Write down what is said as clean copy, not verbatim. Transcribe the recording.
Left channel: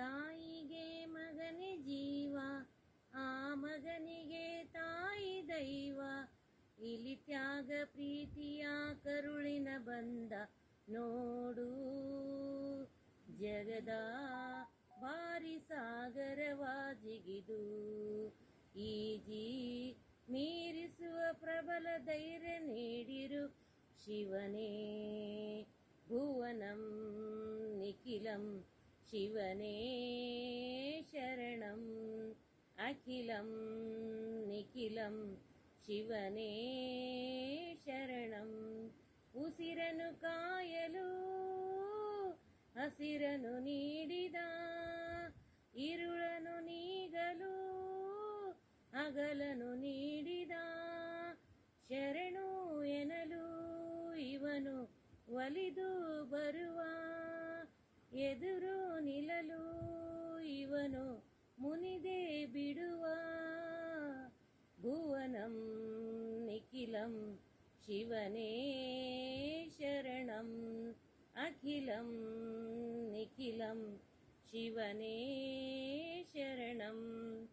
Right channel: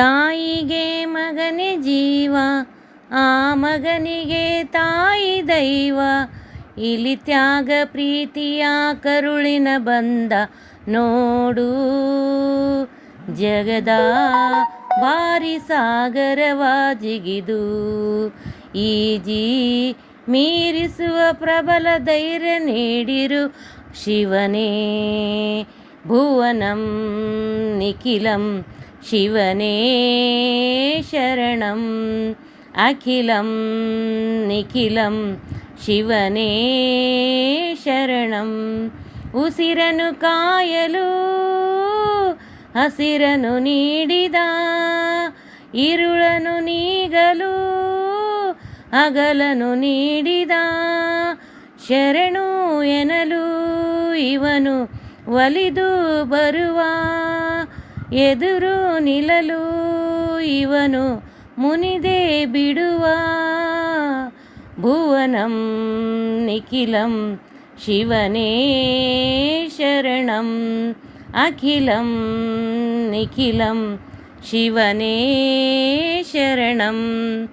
ತಾಯಿಗೆ ಮಗನೇ ಜೀವ, ಆ ಮಗನಿಗೆ ತಾಯಿ ದೈವ. ಇಲ್ಲಿ ತ್ಯಾಗ ಪ್ರೀತಿಯ ಕರುಳಿನ ಬಂದ ನೋಡು. ಜಗದ ಭಾರಿ ಸಾಗರವ ಜಿಗಿದು ಈಜಿ ಮೀರಿಸುವ ಪ್ರಬಲ ಧೈರ್ಯ ನೀಡಿರು ಶಿವನೇ. ಭುವನಂ ನಿಖಿಲಂ ಶಿವನೇ ಶರಣಂ. ಅಖಿಲಂ ನಿಖಿಲಂ ಶಿವನೇ ಶರಣಂ. ಉಸಿರನು ಕಾಯಲು ಹಸಿರನು ನೀಡಿದ, ಇರುಳನು ನೀಗಲು ಹಗಲನು ನೀಡಿದ. ಶರಣು ಎನ್ನಲು ಇವನು ಒಲಿದು ಬರುವ, ಎದುರು ನಿಲ್ಲಲು ಇವನು ಮುನಿದೇ ಬಿಡುವ. ಭುವನಂ ನಿಖಿಲಂ ಶಿವನೇ ಶರಣಂ. ಅಖಿಲಂ ನಿಖಿಲಂ ಶಿವನೇ ಶರಣಂ.